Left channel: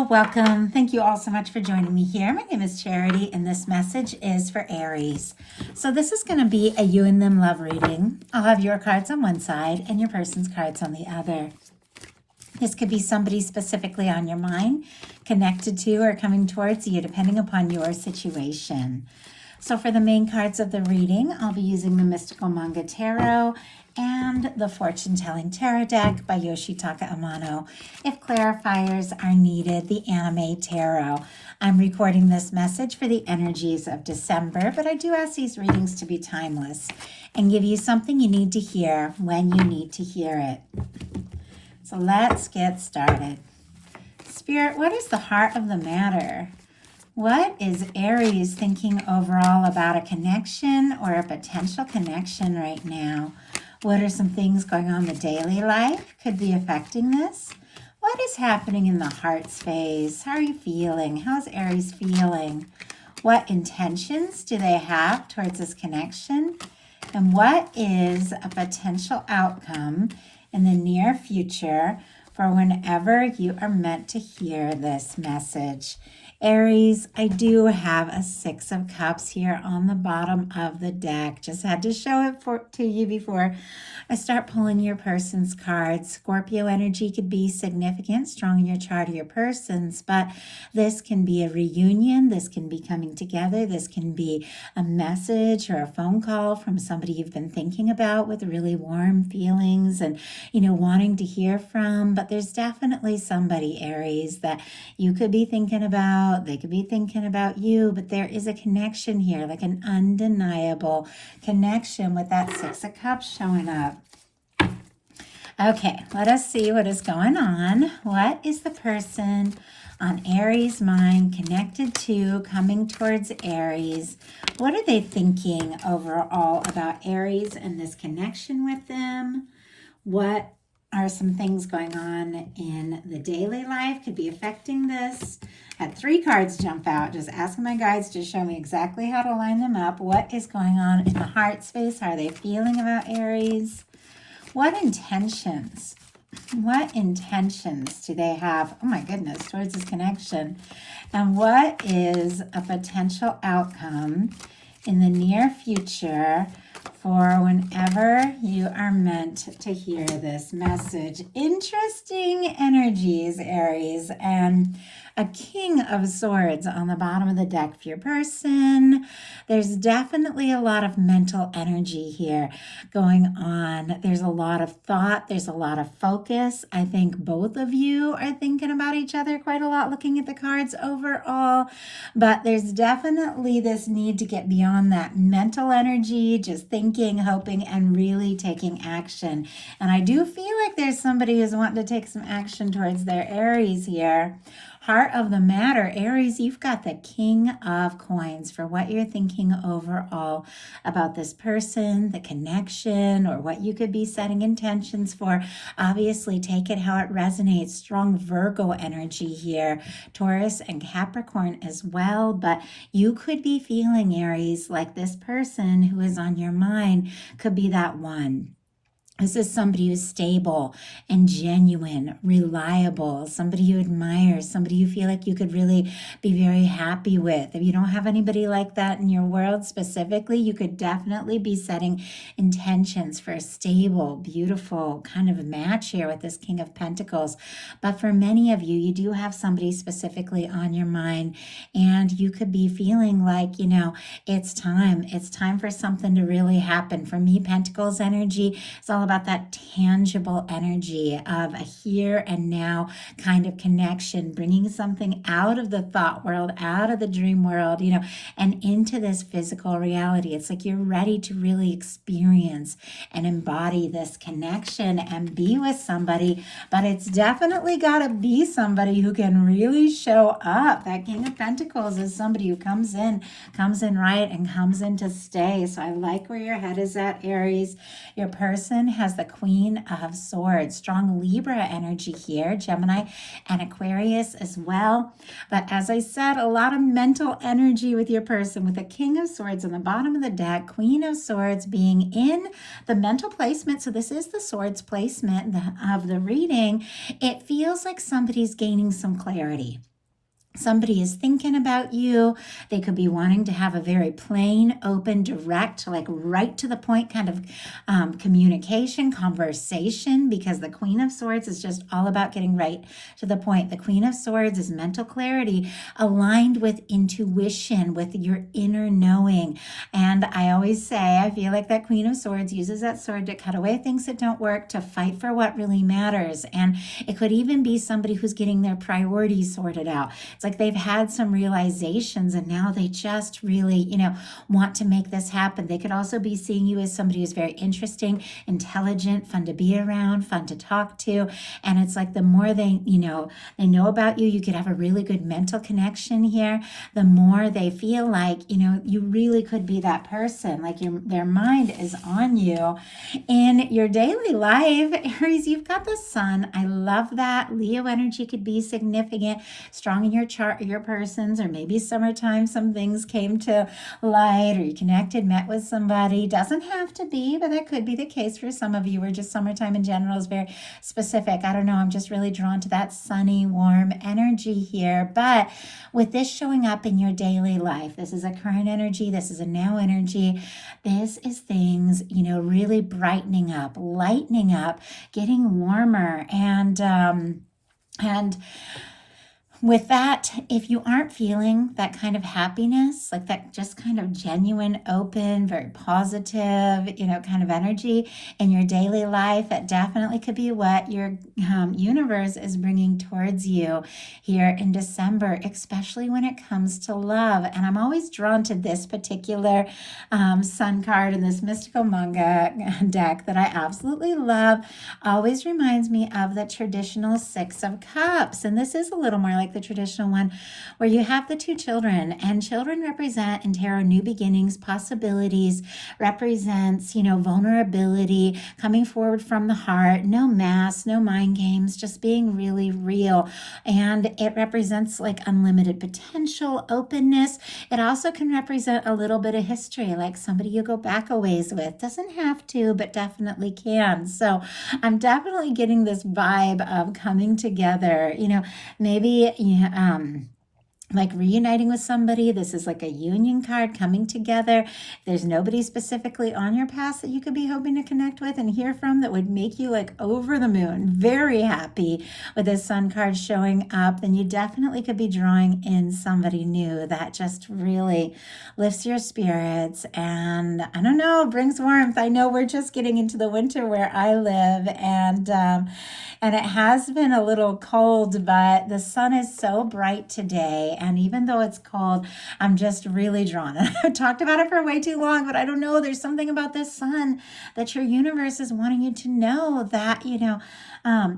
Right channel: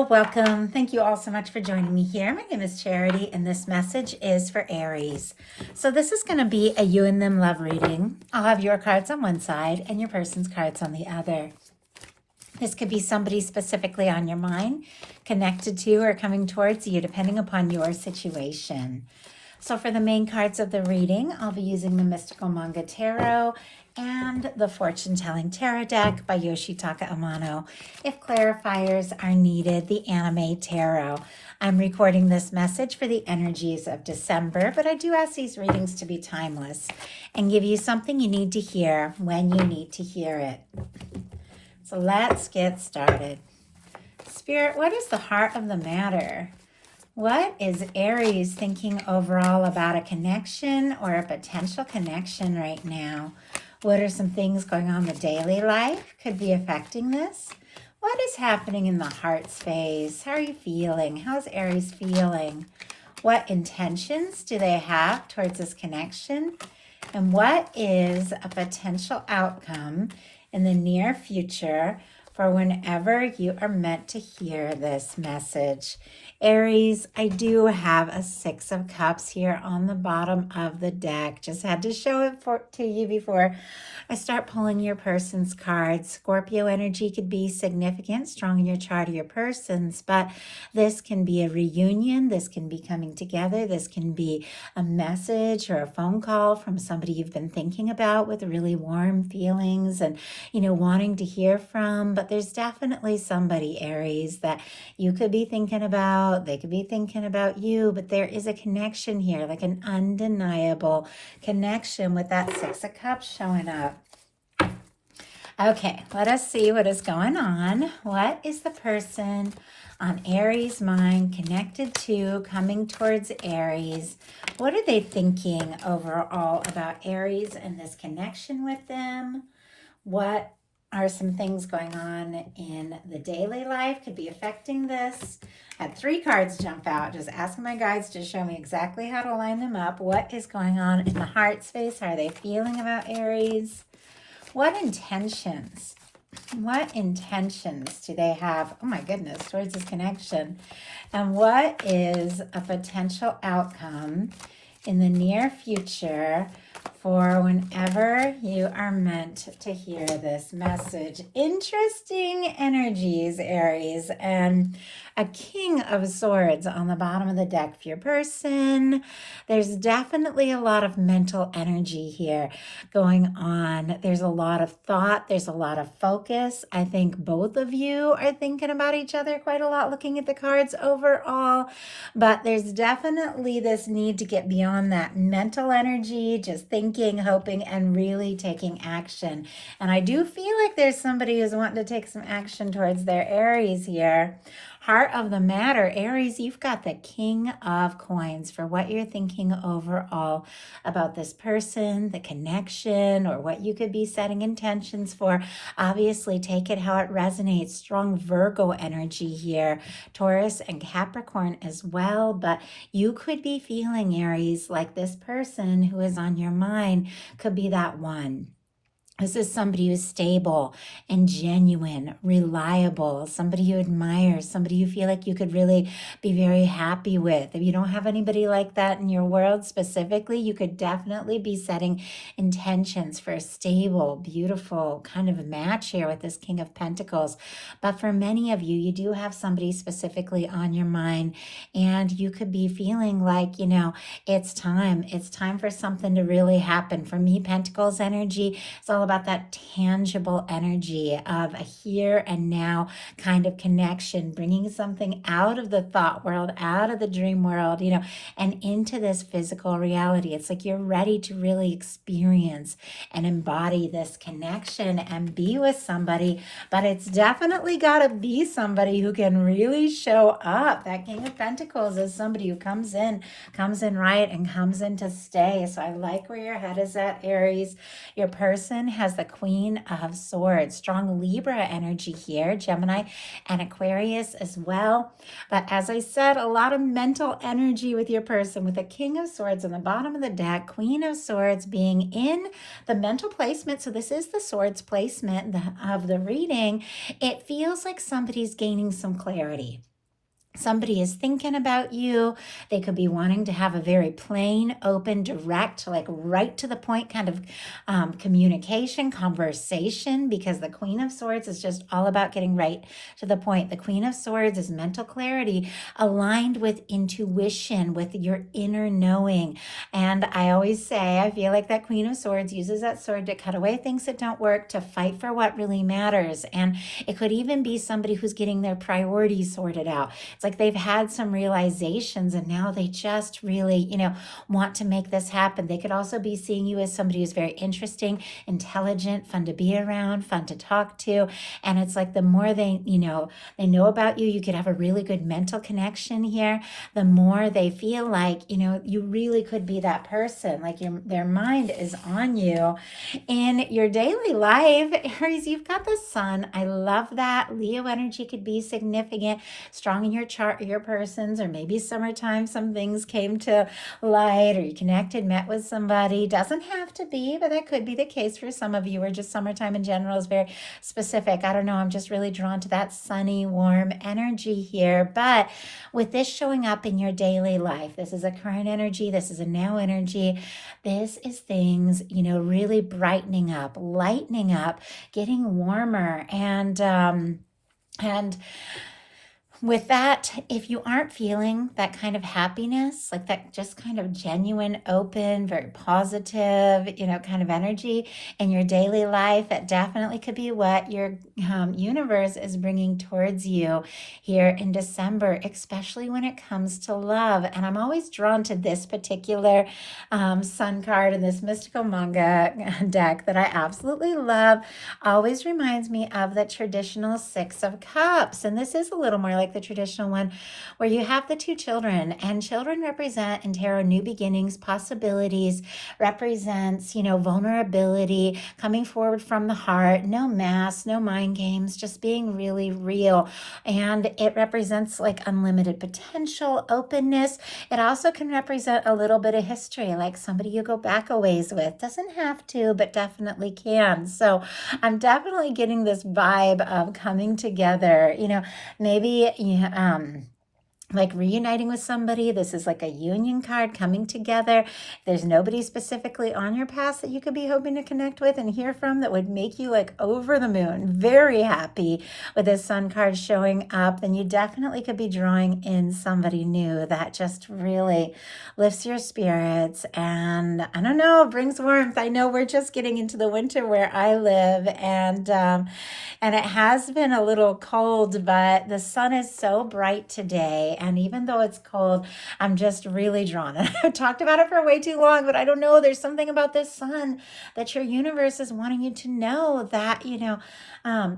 Hello, welcome. Thank you all so much for joining me here. My name is Charity, and this message is for Aries. So, this is going to be a you and them love reading. I'll have your cards on one side and your person's cards on the other. This could be somebody specifically on your mind, connected to or coming towards you, depending upon your situation. So for the main cards of the reading, I'll be using the Mystical Manga Tarot and the Fortune Telling Tarot deck by Yoshitaka Amano. If clarifiers are needed, the Anime Tarot. I'm recording this message for the energies of December, but I do ask these readings to be timeless and give you something you need to hear when you need to hear it. So let's get started. Spirit, what is the heart of the matter? What is Aries thinking overall about a connection or a potential connection right now? What are some things going on in the daily life could be affecting this? What is happening in the heart space? How are you feeling? How's Aries feeling? What intentions do they have towards this connection? And what is a potential outcome in the near future for whenever you are meant to hear this message? Aries, I do have a Six of Cups here on the bottom of the deck. Just had to show it to you before I start pulling your person's cards. Scorpio energy could be significant, strong in your chart of your person's, but this can be a reunion. This can be coming together. This can be a message or a phone call from somebody you've been thinking about with really warm feelings and, wanting to hear from. But there's definitely somebody, Aries, that you could be thinking about. They could be thinking about you, but there is a connection here, like an undeniable connection with that Six of Cups showing up. Okay, let us see what is going on. What is the person on Aries' mind connected to, coming towards Aries? What are they thinking overall about Aries and this connection with them? What are some things going on in the daily life could be affecting this? Had 3 cards jump out, just asking my guides to show me exactly how to line them up. What is going on in the heart space? How are they feeling about Aries? What intentions do they have, oh my goodness, towards this connection? And what is a potential outcome in the near future for whenever you are meant to hear this message? Interesting energies, Aries, and a King of Swords on the bottom of the deck for your person. There's definitely a lot of mental energy here going on. There's a lot of thought. There's a lot of focus. I think both of you are thinking about each other quite a lot, looking at the cards overall. But there's definitely this need to get beyond that mental energy, just thinking, hoping, and really taking action. And I do feel like there's somebody who's wanting to take some action towards their Aries here. Heart of the matter, Aries, you've got the King of Coins for what you're thinking overall about this person, the connection, or what you could be setting intentions for. Obviously, take it how it resonates. Strong Virgo energy here, Taurus and Capricorn as well. But you could be feeling, Aries, like this person who is on your mind could be that one. This is somebody who's stable and genuine, reliable, somebody you admire, somebody you feel like you could really be very happy with. If you don't have anybody like that in your world specifically, you could definitely be setting intentions for a stable, beautiful kind of match here with this King of Pentacles. But for many of you, you do have somebody specifically on your mind, and you could be feeling like, it's time. It's time for something to really happen. For me, Pentacles energy, it's all about that tangible energy of a here and now kind of connection, bringing something out of the thought world, out of the dream world, and into this physical reality. It's like you're ready to really experience and embody this connection and be with somebody, but it's definitely got to be somebody who can really show up. That King of Pentacles is somebody who comes in right and comes in to stay. So I like where your head is at, Aries. Your person has the Queen of Swords, strong Libra energy here, Gemini and Aquarius as well. But as I said, a lot of mental energy with your person with the King of Swords on the bottom of the deck, Queen of Swords being in the mental placement. So this is the swords placement of the reading. It feels like somebody's gaining some clarity. Somebody is thinking about you. They could be wanting to have a very plain, open, direct, like right to the point kind of communication, conversation, because the Queen of Swords is just all about getting right to the point. The Queen of Swords is mental clarity aligned with intuition, with your inner knowing. And I always say, I feel like that Queen of Swords uses that sword to cut away things that don't work, to fight for what really matters. And it could even be somebody who's getting their priorities sorted out. It's like they've had some realizations and now they just really, want to make this happen. They could also be seeing you as somebody who's very interesting, intelligent, fun to be around, fun to talk to. And it's like the more they know about you, you could have a really good mental connection here. The more they feel like, you really could be that person, like their mind is on you. In your daily life, Aries, you've got the sun. I love that. Leo energy could be significant, strong in your chart, your persons, or maybe summertime, some things came to light, or you connected, met with somebody. Doesn't have to be, but that could be the case for some of you, or just summertime in general is very specific. I don't know. I'm just really drawn to that sunny, warm energy here. But with this showing up in your daily life, this is a current energy, this is a now energy, this is things, really brightening up, lightening up, getting warmer, and with that, if you aren't feeling that kind of happiness, like that just kind of genuine, open, very positive, kind of energy in your daily life, it definitely could be what your universe is bringing towards you here in December, especially when it comes to love. And I'm always drawn to this particular sun card in this mystical manga deck that I absolutely love. Always reminds me of the traditional Six of Cups. And this is a little more like the traditional one where you have the two children, and children represent in tarot new beginnings, possibilities, represents, vulnerability, coming forward from the heart, no masks, no mind games, just being really real. And it represents like unlimited potential, openness. It also can represent a little bit of history, like somebody you go back a ways with. Doesn't have to, but definitely can. So I'm definitely getting this vibe of coming together, maybe like reuniting with somebody. This is like a union card, coming together. There's nobody specifically on your past that you could be hoping to connect with and hear from that would make you like over the moon, very happy with this sun card showing up, then you definitely could be drawing in somebody new that just really lifts your spirits and, I don't know, brings warmth. I know we're just getting into the winter where I live, and it has been a little cold, but the sun is so bright today. And even though it's cold, I'm just really drawn. I've talked about it for way too long, but I don't know. There's something about this sun that your universe is wanting you to know that,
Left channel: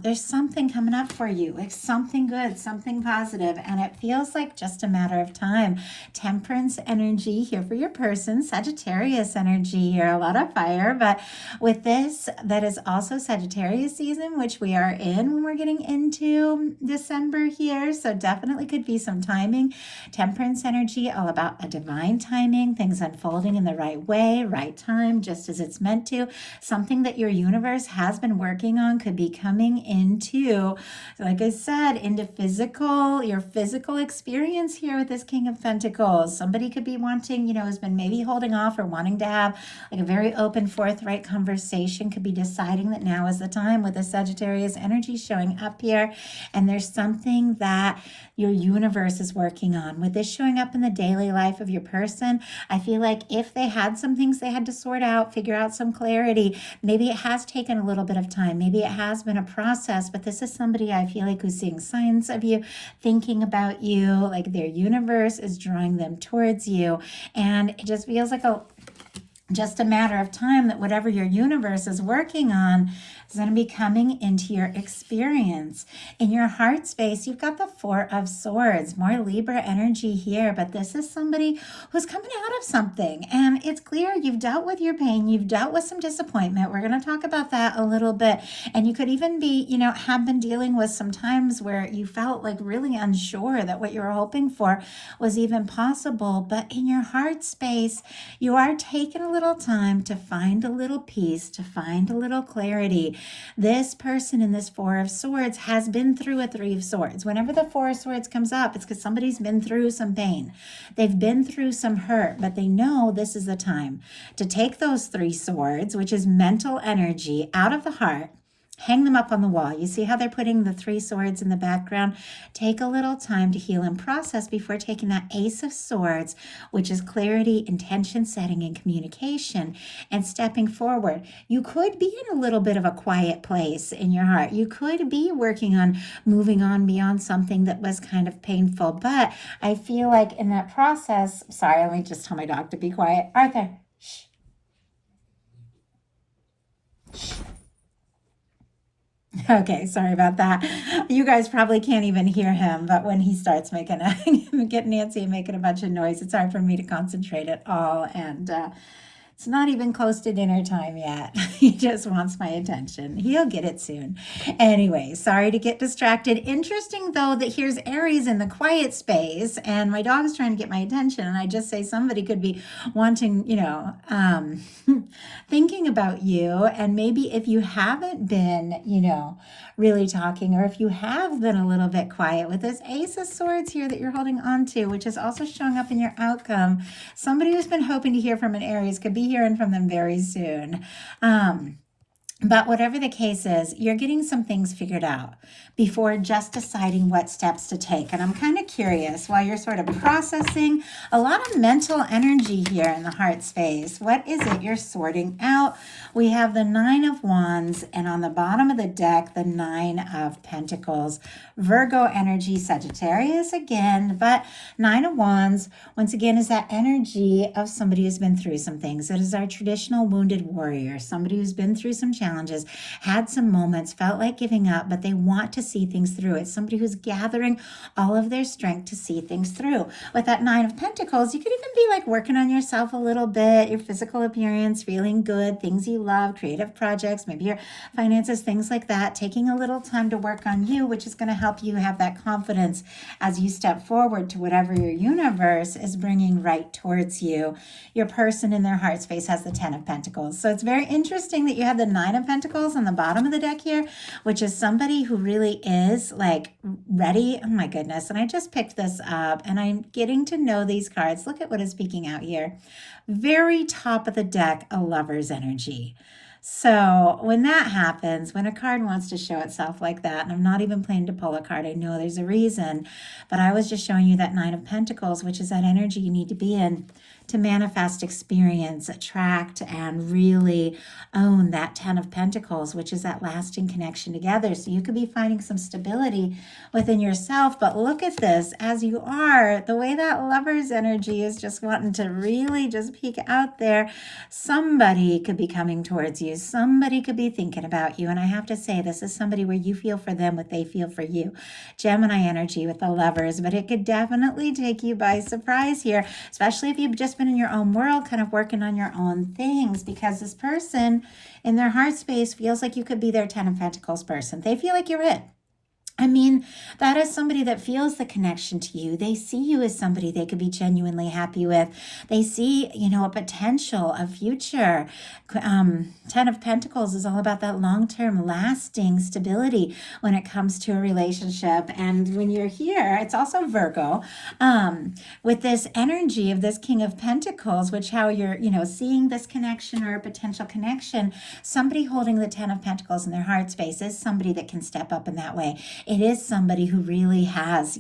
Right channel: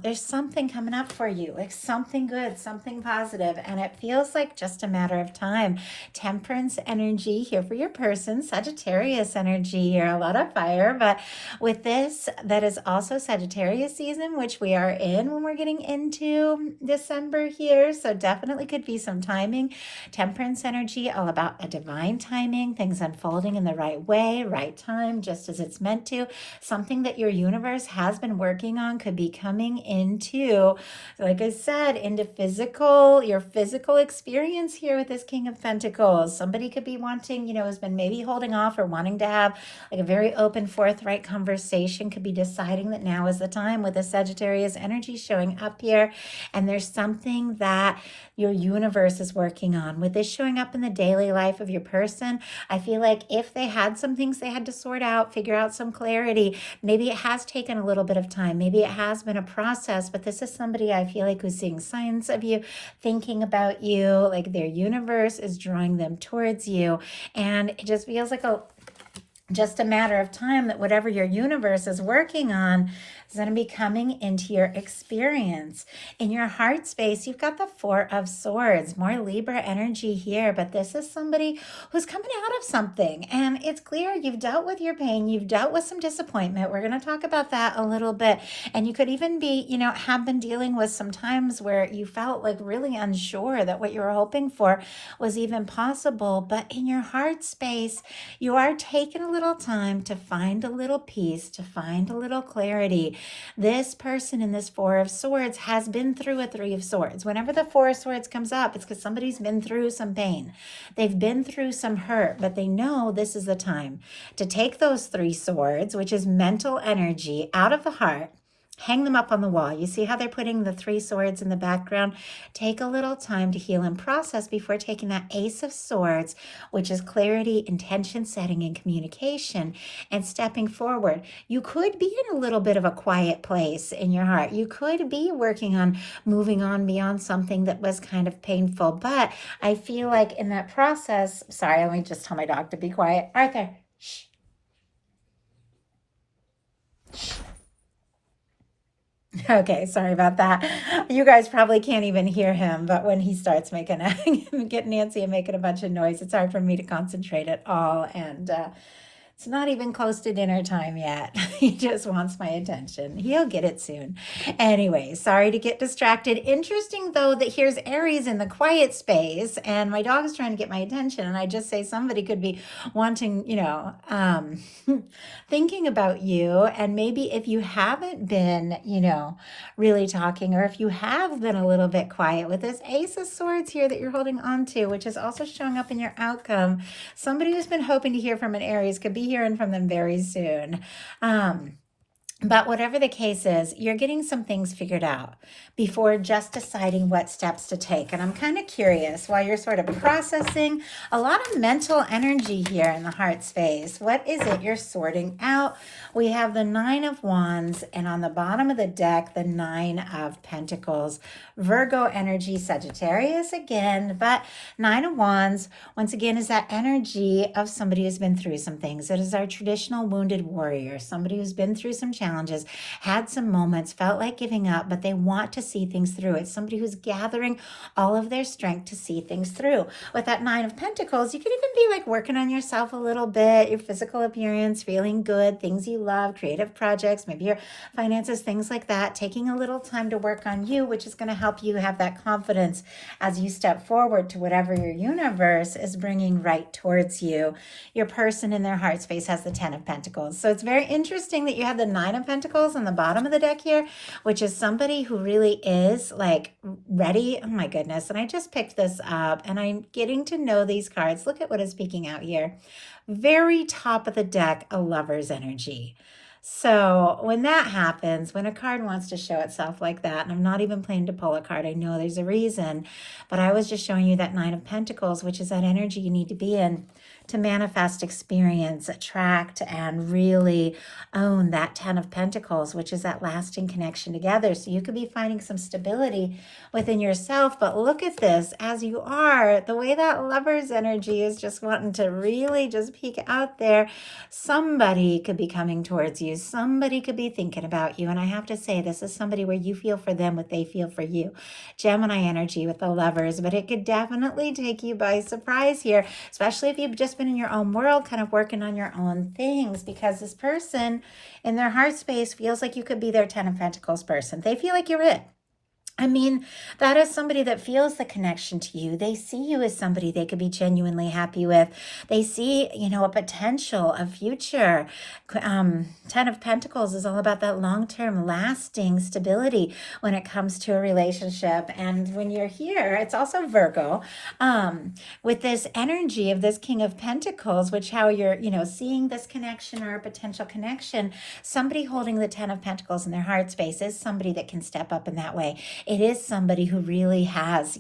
there's something coming up for you, like something good, something positive, and it feels like just a matter of time. Temperance energy here for your person, Sagittarius energy here, a lot of fire, but with this, that is also Sagittarius season, which we are in when we're getting into December here, so definitely could be some timing. Temperance energy, all about a divine timing, things unfolding in the right way, right time, just as it's meant to. Something that your universe has been working on could be coming into, like I said, into your physical experience here with this King of Pentacles. Somebody could be wanting, has been maybe holding off or wanting to have like a very open, forthright conversation, could be deciding that now is the time with the Sagittarius energy showing up here. And there's something that your universe is working on. With this showing up in the daily life of your person, I feel like if they had some things they had to sort out, figure out some clarity, maybe it has taken a little bit of time, maybe it has been a process, but this is somebody I feel like who's seeing signs of you, thinking about you, like their universe is drawing them towards you. And it just feels like just a matter of time that whatever your universe is working on is going to be coming into your experience. In your heart space, you've got the Four of Swords, more Libra energy here, but this is somebody who's coming out of something. And it's clear you've dealt with your pain, you've dealt with some disappointment. We're going to talk about that a little bit. And you could even be, have been dealing with some times where you felt like really unsure that what you were hoping for was even possible. But in your heart space, you are taking a little time to find a little peace, to find a little clarity. This person in this Four of Swords has been through a Three of Swords. Whenever the Four of Swords comes up, it's because somebody's been through some pain. They've been through some hurt, but they know this is the time to take those three swords, which is mental energy, out of the heart. Hang them up on the wall. You see how they're putting the three swords in the background? Take a little time to heal and process before taking that Ace of Swords, which is clarity, intention setting, and communication, and stepping forward. You could be in a little bit of a quiet place in your heart. You could be working on moving on beyond something that was kind of painful. But I feel like in that process, sorry, let me just tell my dog to be quiet. Arthur, shh. Okay, sorry about that. You guys probably can't even hear him, but when he starts making getting Nancy and making a bunch of noise, it's hard for me to concentrate at all. And it's not even close to dinner time yet. He just wants my attention. He'll get it soon. Anyway, sorry to get distracted. Interesting, though, that here's Aries in the quiet space, and my dog's trying to get my attention. And I just say somebody could be wanting, thinking about you. And maybe if you haven't been, really talking, or if you have been a little bit quiet with this Ace of Swords here that you're holding on to, which is also showing up in your outcome, somebody who's been hoping to hear from an Aries could be hearing from them very soon. But whatever the case is, you're getting some things figured out before just deciding what steps to take. And I'm kind of curious, while you're sort of processing, a lot of mental energy here in the heart space. What is it you're sorting out? We have the Nine of Wands, and on the bottom of the deck, the Nine of Pentacles. Virgo energy, Sagittarius again, but Nine of Wands, once again, is that energy of somebody who's been through some things. It is our traditional wounded warrior, somebody who's been through some challenges, had some moments, felt like giving up, but they want to see things through. It's somebody who's gathering all of their strength to see things through. With that Nine of Pentacles, you could even be like working on yourself a little bit, your physical appearance, feeling good, things you love, creative projects, maybe your finances, things like that, taking a little time to work on you, which is going to help you have that confidence as you step forward to whatever your universe is bringing right towards you. Your person in their heart space has the Ten of Pentacles. So it's very interesting that you have the Nine of Pentacles on the bottom of the deck here, which is somebody who really is like ready. Oh my goodness. And I just picked this up and I'm getting to know these cards. Look at what is speaking out here. Very top of the deck, a Lover's energy. So when that happens, when a card wants to show itself like that, and I'm not even planning to pull a card, I know there's a reason, but I was just showing you that Nine of Pentacles, which is that energy you need to be in to manifest, experience, attract, and really own that Ten of Pentacles, which is that lasting connection together. So you could be finding some stability within yourself, but look at this as you are, the way that Lover's energy is just wanting to really just peek out there. Somebody could be coming towards you. Somebody could be thinking about you. And I have to say, this is somebody where you feel for them what they feel for you. Gemini energy with the Lovers, but it could definitely take you by surprise here, especially if you've just been in your own world, kind of working on your own things, because this person in their heart space feels like you could be their Ten of Pentacles person. They feel like you're it. I mean, that is somebody that feels the connection to you. They see you as somebody they could be genuinely happy with. They see, a potential, a future. Ten of Pentacles is all about that long-term, lasting stability when it comes to a relationship. And when you're here, it's also Virgo, with this energy of this King of Pentacles, which how you're, seeing this connection or a potential connection. Somebody holding the Ten of Pentacles in their heart space is somebody that can step up in that way. It is somebody who really has,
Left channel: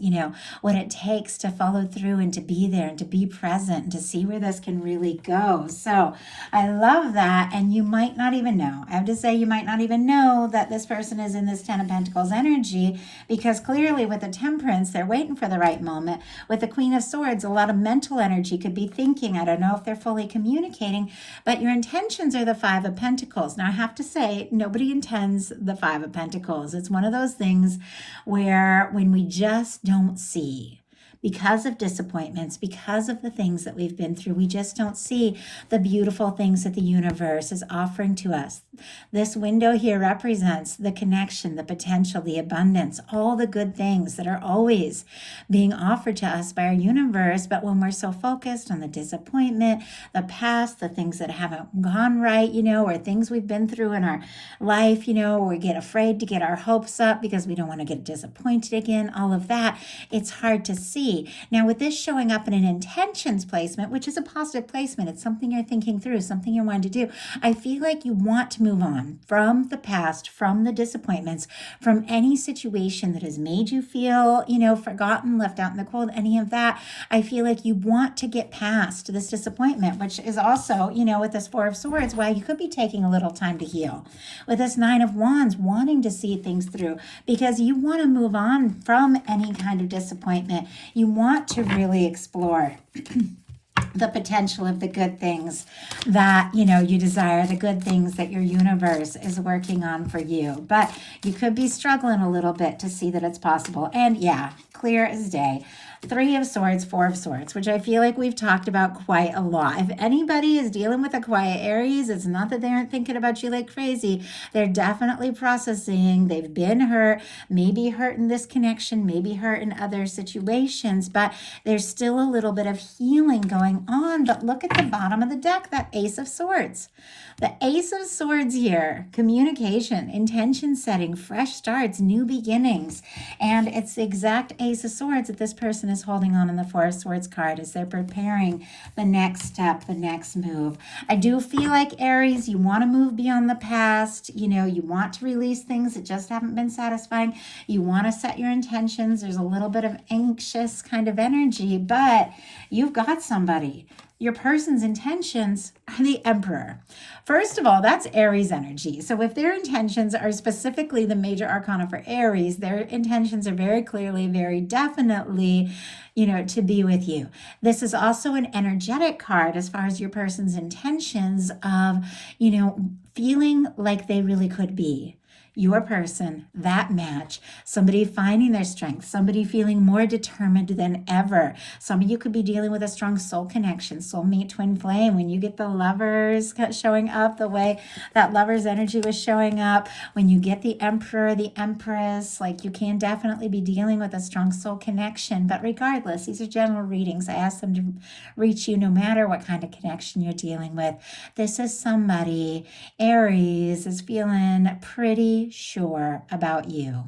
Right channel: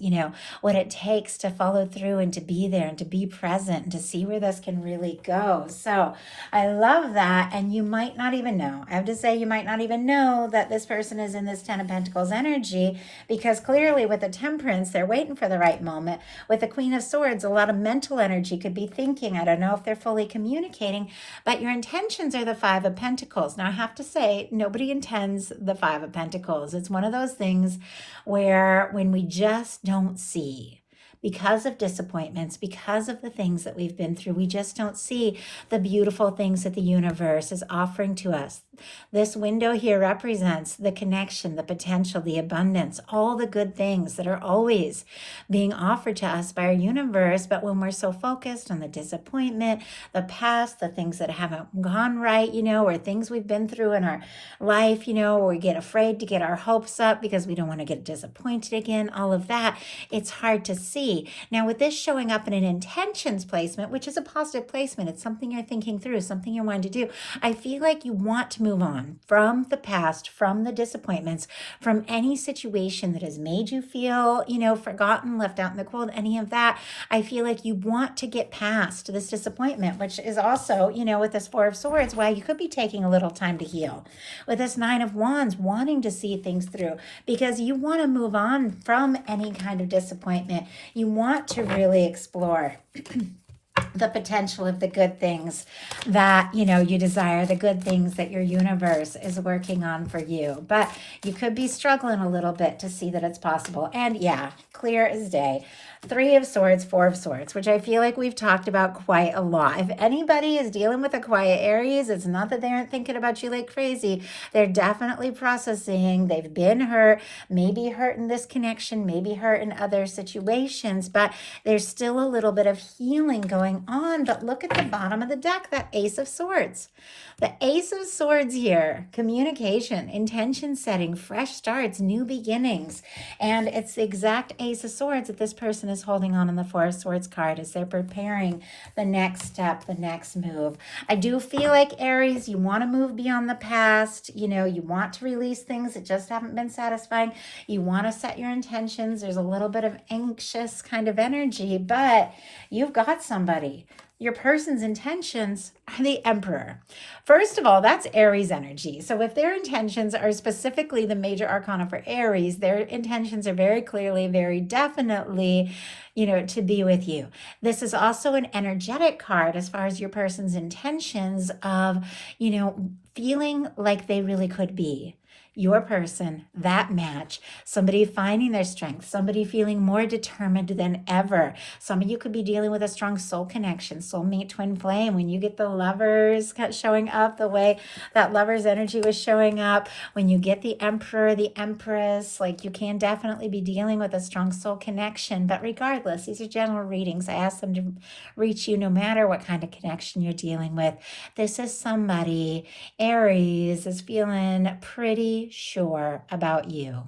what it takes to follow through and to be there and to be present and to see where this can really go. So I love that. And you might not even know. I have to say, you might not even know that this person is in this Ten of Pentacles energy, because clearly with the Temperance, they're waiting for the right moment. With the Queen of Swords, a lot of mental energy could be thinking. I don't know if they're fully communicating, but your intentions are the Five of Pentacles. Now I have to say, nobody intends the Five of Pentacles. It's one of those things where when we just don't see, because of disappointments, because of the things that we've been through. We just don't see the beautiful things that the universe is offering to us. This window here represents the connection, the potential, the abundance, all the good things that are always being offered to us by our universe. But when we're so focused on the disappointment, the past, the things that haven't gone right, or things we've been through in our life, we get afraid to get our hopes up because we don't want to get disappointed again, all of that, it's hard to see. Now, with this showing up in an intentions placement, which is a positive placement, it's something you're thinking through, something you're wanting to do. I feel like you want to move on from the past, from the disappointments, from any situation that has made you feel, forgotten, left out in the cold, any of that. I feel like you want to get past this disappointment, which is also, with this Four of Swords, why you could be taking a little time to heal. With this Nine of Wands, wanting to see things through, because you want to move on from any kind of disappointment. You want to really explore the potential of the good things that you desire, the good things that your universe is working on for you. But you could be struggling a little bit to see that it's possible. And yeah, clear as day. Three of Swords, Four of Swords, which I feel like we've talked about quite a lot. If anybody is dealing with a quiet Aries, it's not that they aren't thinking about you like crazy. They're definitely processing. They've been hurt, maybe hurt in this connection, maybe hurt in other situations, but there's still a little bit of healing going on. But look at the bottom of the deck, that Ace of Swords. The Ace of Swords here, communication, intention setting, fresh starts, new beginnings. And it's the exact Ace of Swords that this person is holding on in the Four of Swords card as they're preparing the next step, the next move. I do feel like, Aries, you want to move beyond the past. You want to release things that just haven't been satisfying. You want to set your intentions. There's a little bit of anxious kind of energy, but you've got somebody. Your person's intentions are the Emperor. First of all, that's Aries energy. So if their intentions are specifically the major arcana for Aries, their intentions are very clearly, very definitely, to be with you. This is also an energetic card as far as your person's intentions of, feeling like they really could be your person, that match, somebody finding their strength, somebody feeling more determined than ever. Some of you could be dealing with a strong soul connection, soulmate, twin flame. When you get the Lovers showing up the way that Lovers energy was showing up, when you get the Emperor, the Empress, like you can definitely be dealing with a strong soul connection. But regardless, these are general readings. I ask them to reach you no matter what kind of connection you're dealing with. This is somebody, Aries, is feeling pretty sure about you.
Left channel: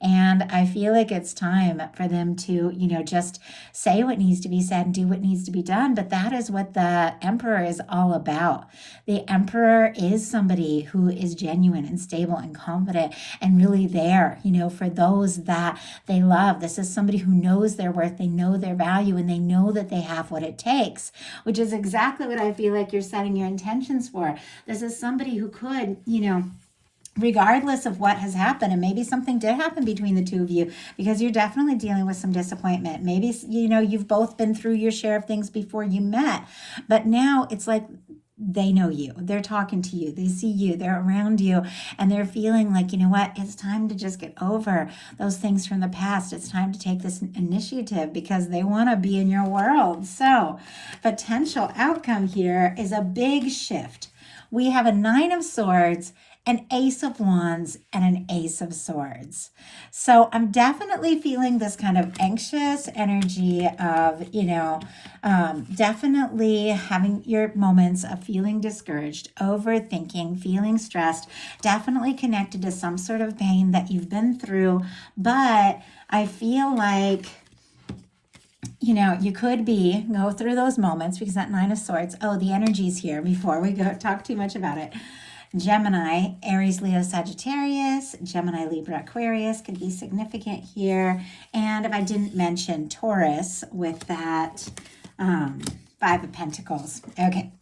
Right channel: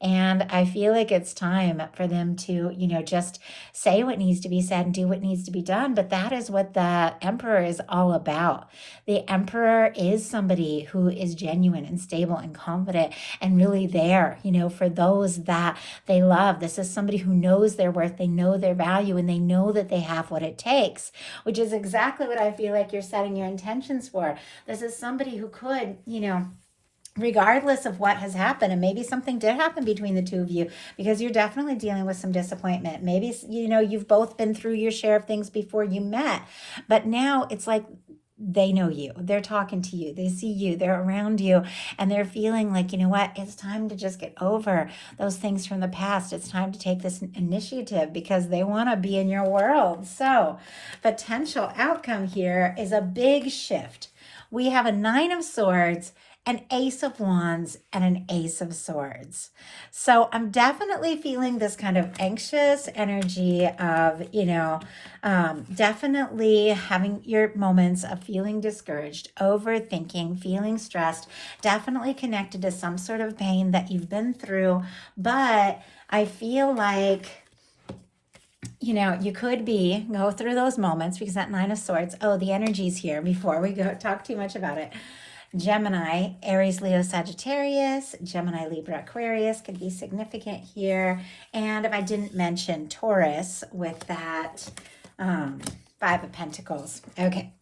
And I feel like it's time for them to, just say what needs to be said and do what needs to be done. But that is what the Emperor is all about. The Emperor is somebody who is genuine and stable and confident and really there, for those that they love. This is somebody who knows their worth, they know their value, and they know that they have what it takes, which is exactly what I feel like you're setting your intentions for. This is somebody who could, regardless of what has happened, and maybe something did happen between the two of you, because you're definitely dealing with some disappointment. Maybe, you've both been through your share of things before you met, but now it's like they know you, they're talking to you, they see you, they're around you, and they're feeling like, it's time to just get over those things from the past. It's time to take this initiative because they want to be in your world. So potential outcome here is a big shift. We have a Nine of Swords, an Ace of Wands, and an Ace of Swords. So I'm definitely feeling this kind of anxious energy of, definitely having your moments of feeling discouraged, overthinking, feeling stressed, definitely connected to some sort of pain that you've been through. But I feel like, you could go through those moments because that Nine of Swords, the energy's here before we go talk too much about it. Gemini, Aries, Leo, Sagittarius, Gemini, Libra, Aquarius could be significant here. And if I didn't mention Taurus with that Five of Pentacles. Okay.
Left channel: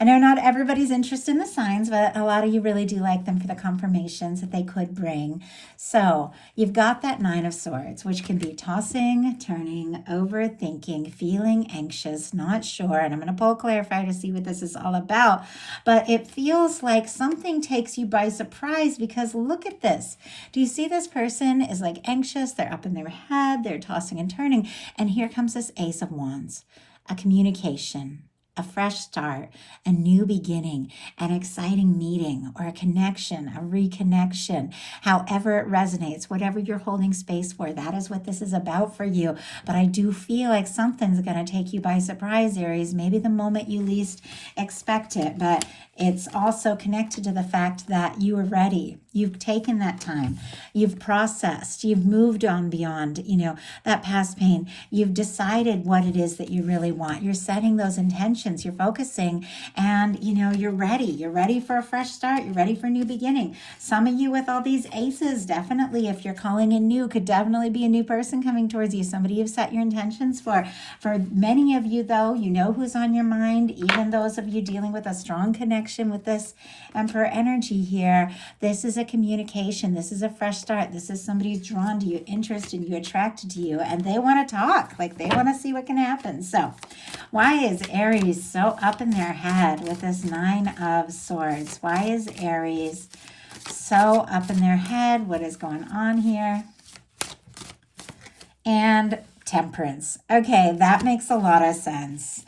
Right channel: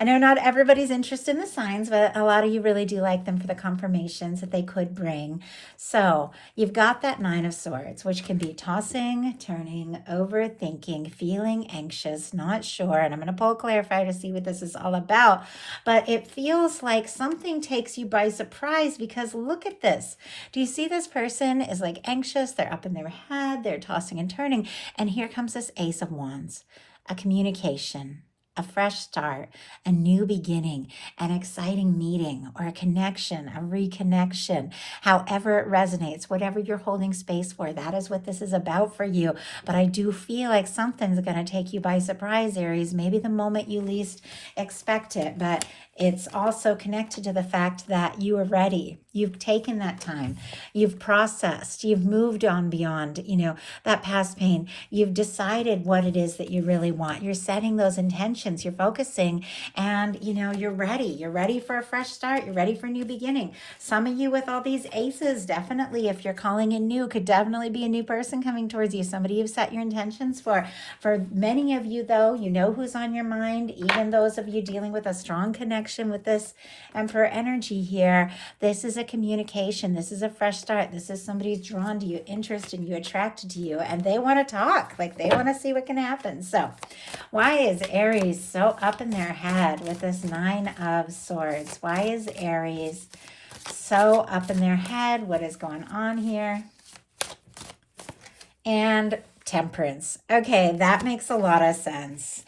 I know not everybody's interested in the signs, but a lot of you really do like them for the confirmations that they could bring. So you've got that Nine of Swords, which can be tossing, turning, overthinking, feeling anxious, not sure. And I'm going to pull a clarifier to see what this is all about. But it feels like something takes you by surprise because look at this. Do you see this person is like anxious? They're up in their head, they're tossing and turning. And here comes this Ace of Wands, a communication, a fresh start, a new beginning, an exciting meeting or a connection, a reconnection, however it resonates, whatever you're holding space for, that is what this is about for you. But I do feel like something's going to take you by surprise, Aries, maybe the moment you least expect it, but it's also connected to the fact that you are ready. You've taken that time. You've processed. You've moved on beyond, that past pain. You've decided what it is that you really want. You're setting those intentions. You're focusing and, you're ready. You're ready for a fresh start. You're ready for a new beginning. Some of you with all these aces, definitely, if you're calling in new, could definitely be a new person coming towards you. Somebody you've set your intentions for. For many of you, though, you know who's on your mind. Even those of you dealing with a strong connection with this Emperor energy here, this is a communication. This is a fresh start. This is somebody who's drawn to you, interested in you, attracted to you, and they want to talk. Like they want to see what can happen. So why is Aries so up in their head with this Nine of Swords? Why is Aries so up in their head? What is going on here? And Temperance. Okay, that makes a lot of sense.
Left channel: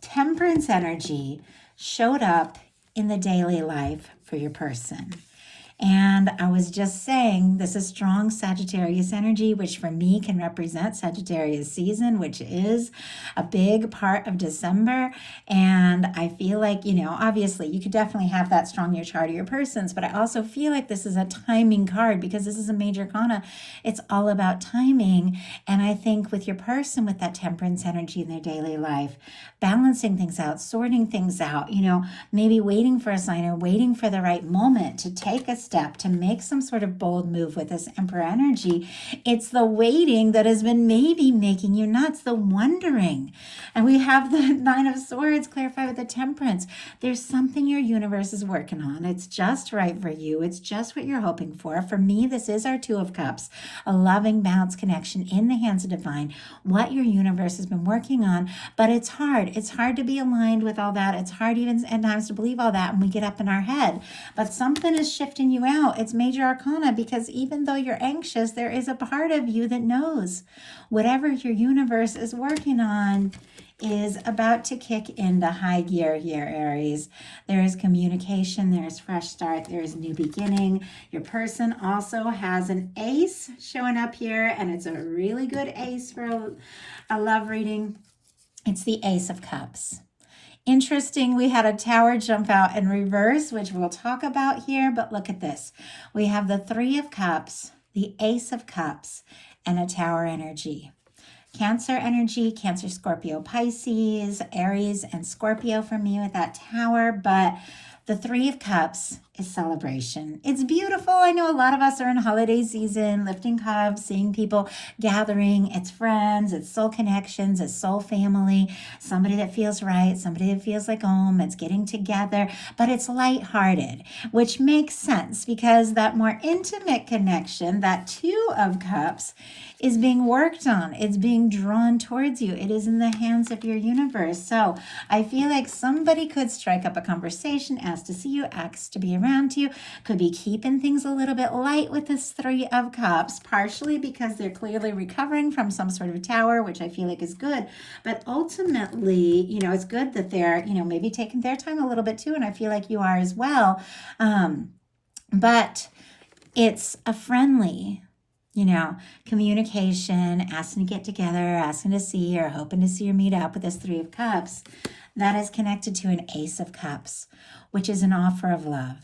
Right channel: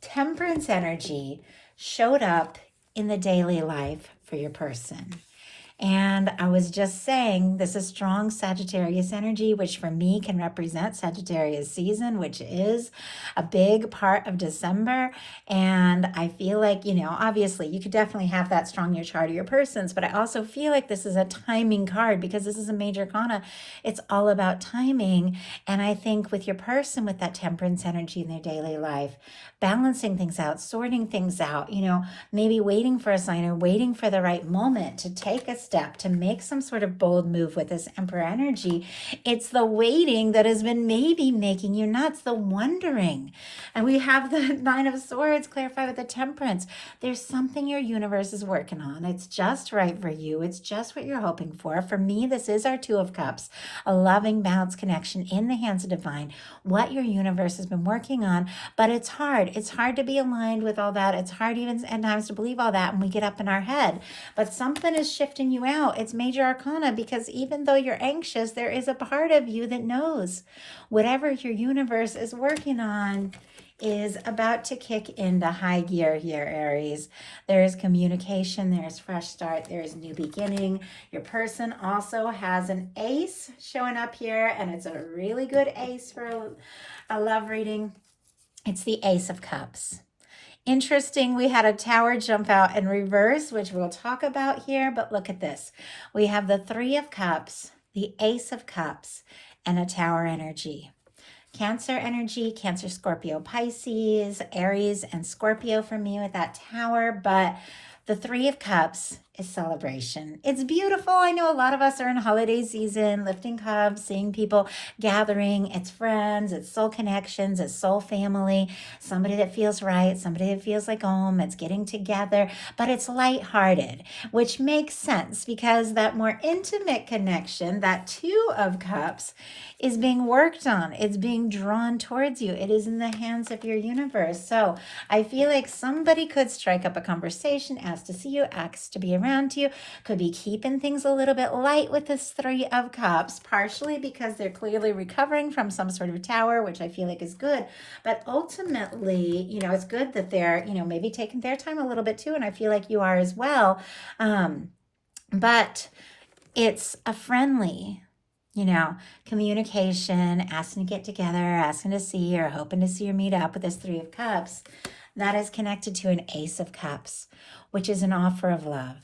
Temperance energy showed up in the daily life for your person. And I was just saying, this is strong Sagittarius energy, which for me can represent Sagittarius season, which is a big part of December. And I feel like, obviously you could definitely have that strong in your chart of your persons, but I also feel like this is a timing card because this is a major arcana. It's all about timing. And I think with your person, with that temperance energy in their daily life, balancing things out, sorting things out, maybe waiting for a sign or waiting for the right moment to take a step, to make some sort of bold move with this Emperor energy. It's the waiting that has been maybe making you nuts, the wondering. And we have the Nine of Swords clarify with the Temperance. There's something your universe is working on. It's just right for you. It's just what you're hoping for. For me, this is our Two of Cups, a loving, balanced connection in the hands of divine, what your universe has been working on. But it's hard. It's hard to be aligned with all that. It's hard even at times to believe all that when we get up in our head. But something is shifting you out. It's major arcana because even though you're anxious, there is a part of you that knows whatever your universe is working on is about to kick into high gear here, Aries. There is communication, there is fresh start, there is new beginning. Your person also has an ace showing up here, and it's a really good ace for a love reading. It's the Ace of Cups. Interesting, we had a tower jump out in reverse, which we'll talk about here, but look at this. We have the Three of Cups, the Ace of Cups, and a tower energy. Cancer energy, Cancer, Scorpio, Pisces, Aries, and Scorpio for me with that tower, but the Three of Cups is celebration. It's beautiful. I know a lot of us are in holiday season, lifting cups, seeing people gathering. It's friends, it's soul connections, it's soul family, somebody that feels right, somebody that feels like home. It's getting together, but it's lighthearted, which makes sense because that more intimate connection, that Two of Cups, is being worked on. It's being drawn towards you. It is in the hands of your universe. So I feel like somebody could strike up a conversation, ask to see you, ask to be around you, could be keeping things a little bit light with this Three of Cups, partially because they're clearly recovering from some sort of tower, which I feel like is good. But ultimately, it's good that they're, maybe taking their time a little bit too. And I feel like you are as well. But it's a friendly, communication, asking to get together, asking to see or hoping to see or meet up with this Three of Cups, that is connected to an Ace of Cups, which is an offer of love.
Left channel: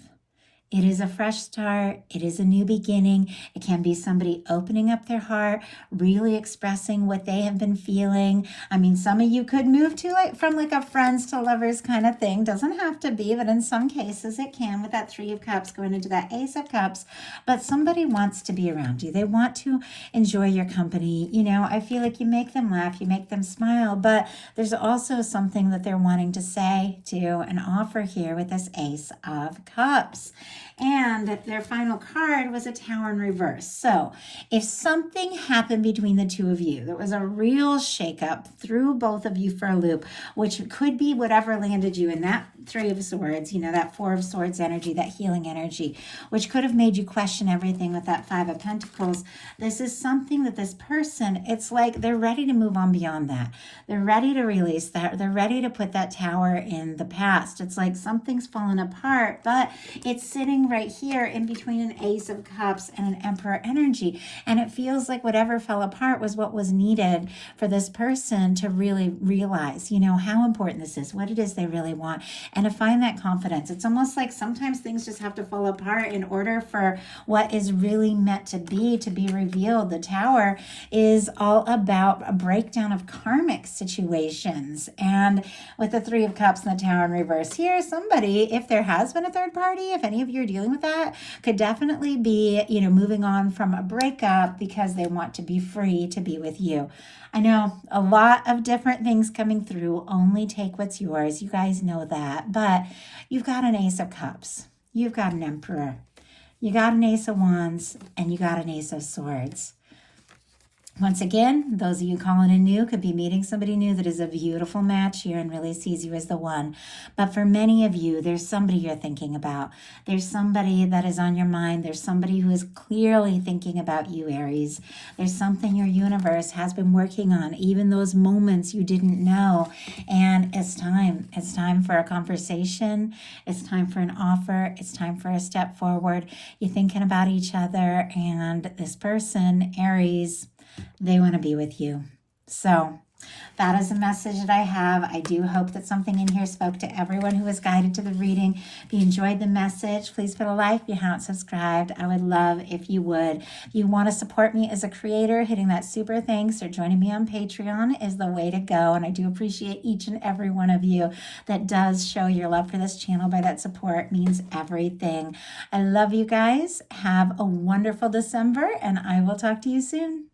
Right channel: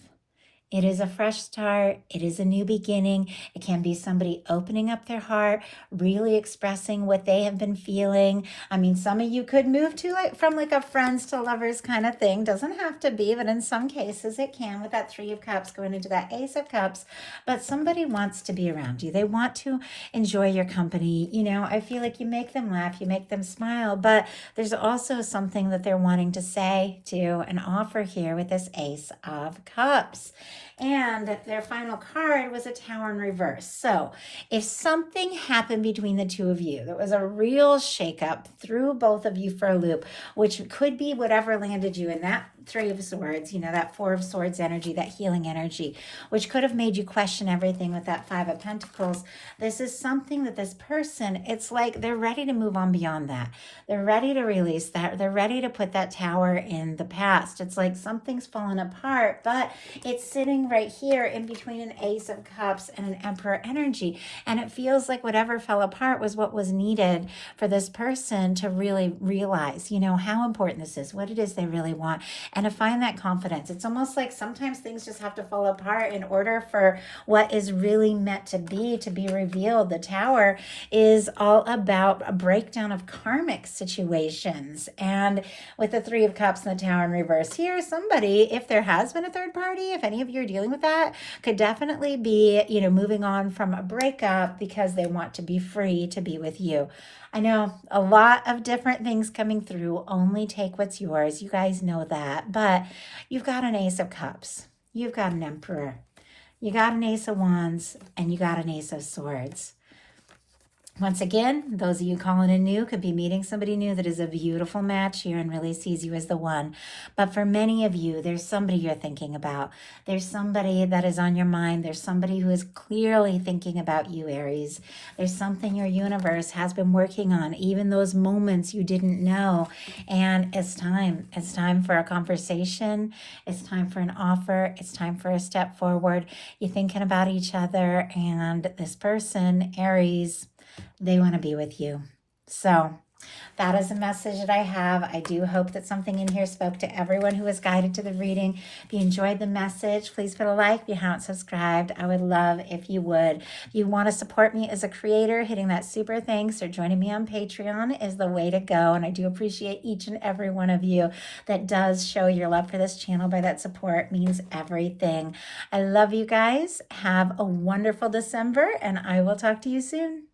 It is a fresh start. It is a new beginning. It can be somebody opening up their heart, really expressing what they have been feeling. I mean, some of you could move to like from like a friends to lovers kind of thing. Doesn't have to be, but in some cases it can with that Three of Cups going into that Ace of Cups. But somebody wants to be around you. They want to enjoy your company. You know, I feel like you make them laugh, you make them smile, but there's also something that they're wanting to say to and offer here with this Ace of Cups. And their final card was a Tower in reverse. So if something happened between the two of you, there was a real shakeup, threw both of you for a loop, which could be whatever landed you in that Three of Swords, you know, that Four of Swords energy, that healing energy, which could have made you question everything with that Five of Pentacles. This is something that this person, it's like they're ready to move on beyond that. They're ready to release that. They're ready to put that tower in the past. It's like something's fallen apart, but it's sitting right here in between an Ace of Cups and an Emperor energy. And it feels like whatever fell apart was what was needed for this person to really realize, you know, how important this is, what it is they really want, and to find that confidence. It's almost like sometimes things just have to fall apart in order for what is really meant to be revealed. The Tower is all about a breakdown of karmic situations. And with the Three of Cups and the Tower in reverse here, somebody, if there has been a third party, if any of you are dealing with that, could definitely be, you know, moving on from a breakup because they want to be free to be with you. I know a lot of different things coming through. Only take what's yours. You guys know that. But you've got an Ace of Cups. You've got an Emperor. You got an Ace of Wands. And you got an Ace of Swords. Once again, those of you calling in new could be meeting somebody new that is a beautiful match here and really sees you as the one. But for many of you, there's somebody you're thinking about. There's somebody that is on your mind. There's somebody who is clearly thinking about you, Aries. There's something your universe has been working on, even those moments you didn't know. And it's time. It's time for a conversation. It's time for an offer. It's time for a step forward. You're thinking about each other, and this person, Aries, they want to be with you. So that is a message that I have. I do hope that something in here spoke to everyone who was guided to the reading. If you enjoyed the message, please put a like. If you haven't subscribed, I would love if you would. If you want to support me as a creator, hitting that super thanks or joining me on Patreon is the way to go. And I do appreciate each and every one of you that does show your love for this channel by that support. It means everything. I love you guys. Have a wonderful December, and I will talk to you soon.